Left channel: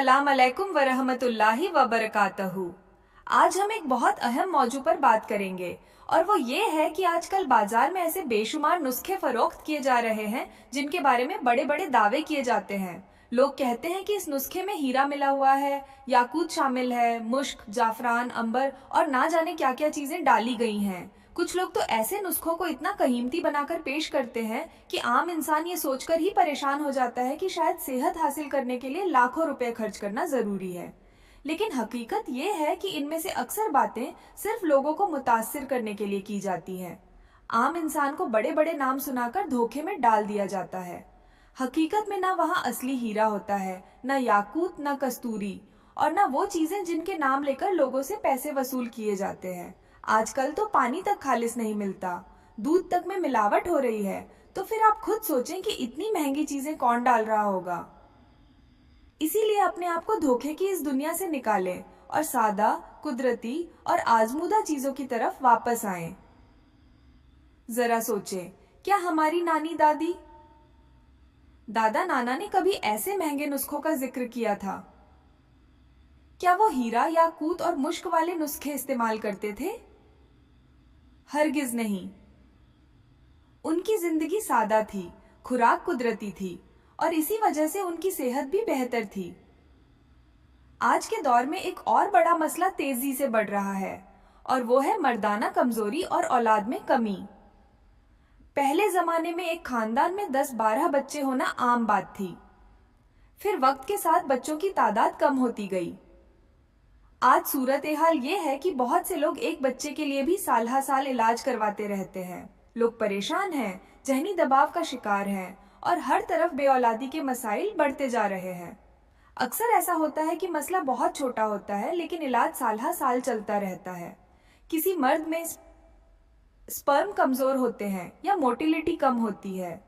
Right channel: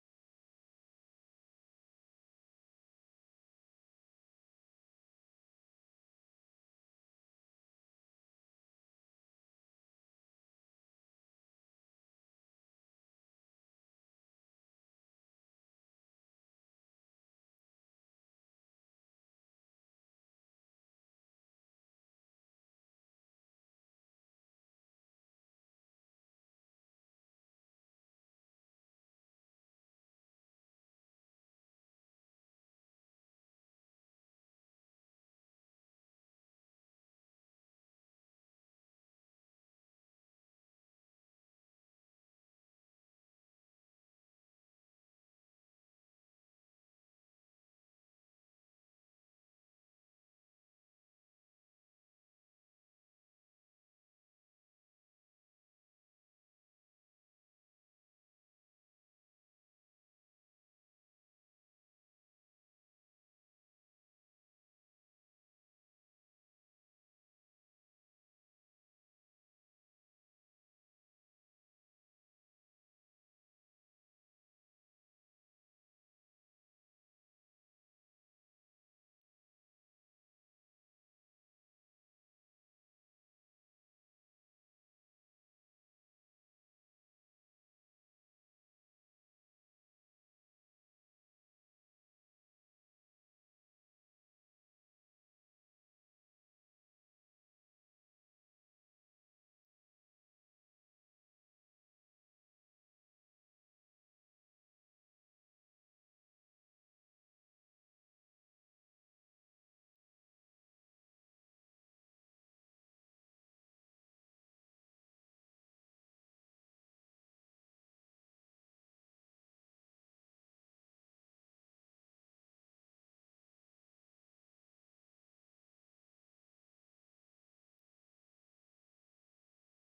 अस्सलाम अलैकुम वरहमतुल्लाहि वबरकातहू। आज हम एक बहुत अहम मौजू पर बात करेंगे और वो ये है कि आजकल बाजार में ऐसे बेशुमार नुस्खे फरोख्त किए जा रहे हैं जिनके बारे में बड़े बड़े दावे किए जाते हैं। लोग कहते हैं कि इस नुस्खे में हीरा मिला हुआ है, याकूत शामिल है, मुश्क, जाफरान, अंबर और ना जाने क्या क्या चीजें डाली गई हैं। कुछ लोग तो ऐसे नुस्खों को इतना कीमती बनाकर पेश करते हैं कि आम इंसान ये सोचकर ही परेशान हो जाता है कि शायद सेहत हासिल करने के लिए लाखों रुपए खर्च करना जरूरी है। लेकिन हकीकत ये है कि इनमें से अक्सर बातें सिर्फ लोगों को मुतासिर करने के लिए की जाती हैं। आम इंसान को बड़े बड़े नाम सुनाकर धोखे में डाल दिया जाता है। हकीकत में ना वहाँ असली हीरा होता है, ना याकूत, ना कस्तूरी और ना वो चीजें जिनके नाम लेकर लोगों से पैसे वसूल किए जाते हैं। आजकल तो पानी तक खालिस नहीं मिलता, दूध तक में मिलावट हो रही है। तो फिर आप खुद सोचें कि इतनी महंगी चीजें कौन डाल रहा होगा। इसीलिए अपने आप को धोखे की इस दुनिया से निकालें और सादा, कुदरती और आजमूदा चीजों की तरफ वापस आएं। जरा सोचें, क्या हमारी नानी दादी, दादा नाना ने कभी ऐसे महंगे नुस्खों का जिक्र किया था? क्या वो हीरा, याकूत और मुश्क वाले नुस्खे इस्तेमाल करते थे? हरगिज नहीं। उनकी जिंदगी सादा थी, खुराक कुदरती थी और इसी वजह से उनकी सेहत भी बेहतर थी। आज के दौर में एक और बड़ा मसला तेजी से बढ़ रहा है और वो है मर्दाना कमजोरी और औलाद में कमी। पहले जमाने में एक खानदान में 10-12 बच्चे होना आम बात थी। फिर वक्त के साथ बच्चों की तादाद कम होती गई। आज सूरत हाल ये है कि बहुत से लोग एक बच्चे के लिए भी साल हर साल इलाज करवाते रहते हैं। लोग परेशान हैं, जहनी दबाव का शिकार हैं और हर तरफ बेऔलादी के मसाइल बढ़ते जा रहे हैं। अक्सर ऐसा होता है कि मसला बहुत छोटा होता है लेकिन इलाज साल हर साल चलता रहता है। किसी मर्द में स्पर्म कमजोर होते हैं या मोटिलिटी कम होती है।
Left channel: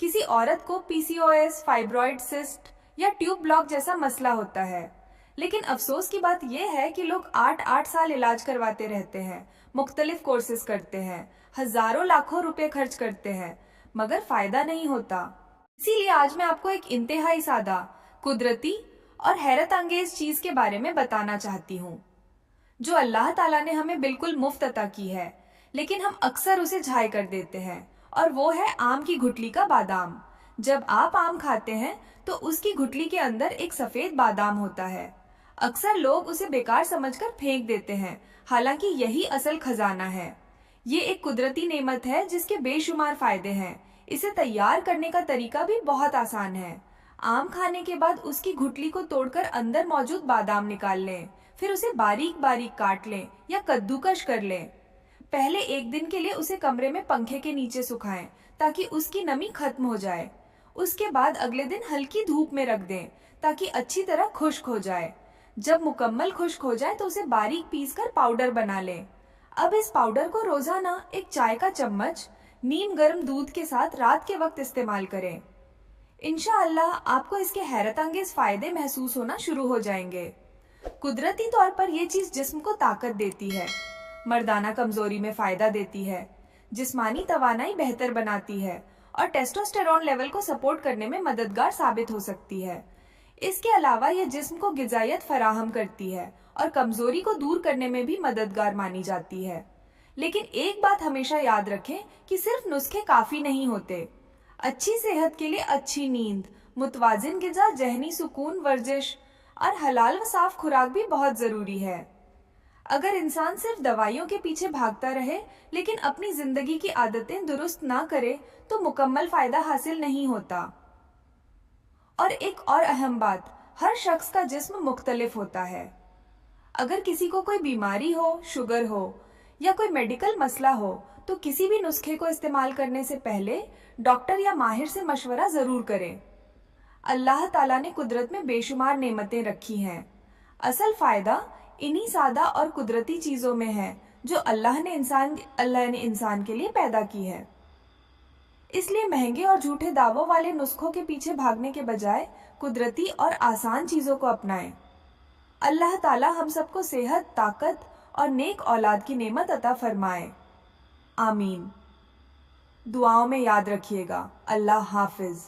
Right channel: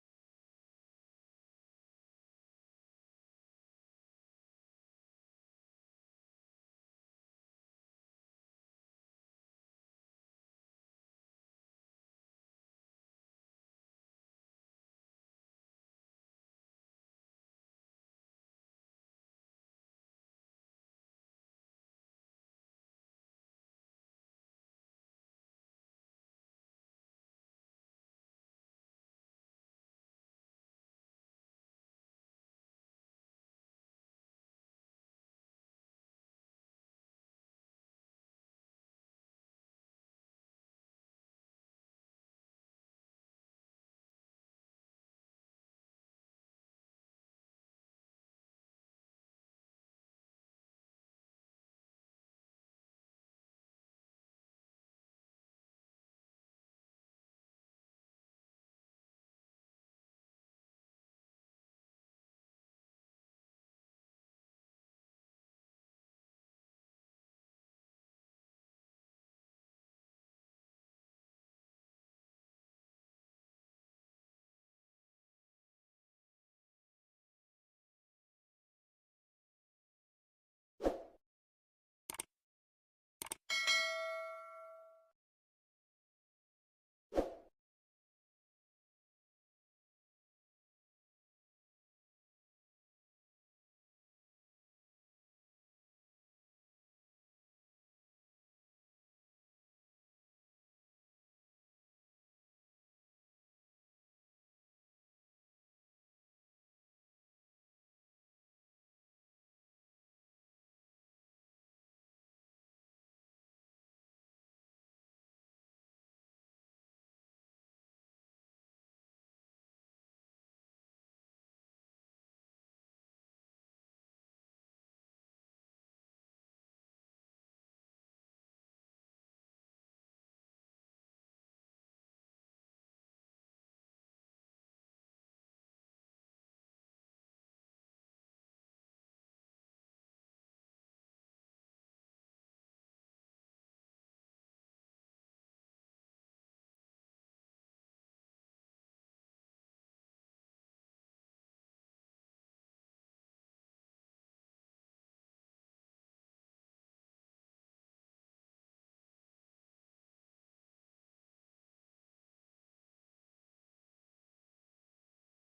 किसी औरत को पीसीओएस, फाइब्रॉइड सिस्ट या ट्यूब ब्लॉक जैसा मसला होता है। लेकिन अफसोस की बात यह है कि लोग 8-8 साल इलाज करवाते रहते हैं, मुख्तलिफ कोर्सेज करते हैं, हजारों लाखों रुपए खर्च करते हैं, मगर फायदा नहीं होता। इसीलिए आज मैं आपको एक इंतहाई सादा, कुदरती और हैरत अंगेज चीज के बारे में बताना चाहती हूँ, जो अल्लाह ताला ने हमें बिल्कुल मुफ्त अता की है, लेकिन हम अक्सर उसे झाय कर देते हैं। और वो है आम की गुठली का बादाम। जब आप आम खाते हैं तो उसकी गुठली के अंदर एक सफेद बादाम होता है। अक्सर लोग उसे बेकार समझकर फेंक देते हैं, हालांकि यही असल खजाना है। ये एक कुदरती नेमत है जिसके बेशुमार फायदे हैं। इसे तैयार करने का तरीका भी बहुत आसान है। आम खाने के बाद उसकी गुठली को तोड़कर अंदर मौजूद बादाम निकाल लें, फिर उसे बारीक बारीक काट लें या कद्दूकश कर लें। पहले एक दिन के लिए उसे कमरे में पंखे के नीचे सुखाएं ताकि उसकी नमी खत्म हो जाए। उसके बाद अगले दिन हल्की धूप में रख दें ताकि अच्छी तरह खुश्क हो जाए। जब मुकम्मल खुश्क हो जाए तो उसे बारीक पीसकर पाउडर बना लें। अब इस पाउडर को रोजाना एक चाय का चम्मच नीम गर्म दूध के साथ रात के वक्त इस्तेमाल करें। इंशाअल्लाह आपको इसके हैरत अंगेज फायदे महसूस होना शुरू हो जाएंगे। कुदरती तौर पर यह चीज जिस्म को ताकत देती है, मर्दाना कमजोरी में फायदा देती है, जिस्मानी तवानाई बेहतर बनाती है और टेस्टोस्टेरोन लेवल को सपोर्ट करने में मददगार साबित हो सकती है। इसके अलावा यह जिस्म को गिजायत फराहम करती है और कमजोरी को दूर करने में भी मददगार मानी जाती है। लेकिन एक बात हमेशा याद रखें कि सिर्फ नुस्खे काफी नहीं होते। अच्छी सेहत के लिए अच्छी नींद, मुतवाजिन गिजा, जहनी सुकून, वर्जिश और हलाल व साफ खुराक भी बहुत जरूरी है। अगर इंसान सिर्फ दवाइयों के पीछे भागता रहे लेकिन अपनी जिंदगी की आदतें दुरुस्त ना करे तो मुकम्मल फायदा हासिल नहीं होता। और एक और अहम बात, हर शख्स का जिस्म मुख्तलिफ होता है। अगर किसी को कोई बीमारी हो, शुगर हो या कोई मेडिकल मसला हो तो किसी भी नुस्खे को इस्तेमाल करने से पहले डॉक्टर या माहिर से मशवरा जरूर करें। अल्लाह ताला ने कुदरत में बेशुमार नेमतें रखी हैं। असल फायदा इन्हीं सादा और कुदरती चीजों में है जो अल्लाह ने इंसान के लिए पैदा की है। इसलिए महंगे और झूठे दावों वाले नुस्खों के पीछे भागने के बजाय कुदरती और आसान चीजों को अपनाएं। अल्लाह ताला हम सबको सेहत, ताकत और नेक औलाद की नेमत अता फरमाए। आमीन। दुआओं में याद रखिएगा। अल्लाह हाफिज।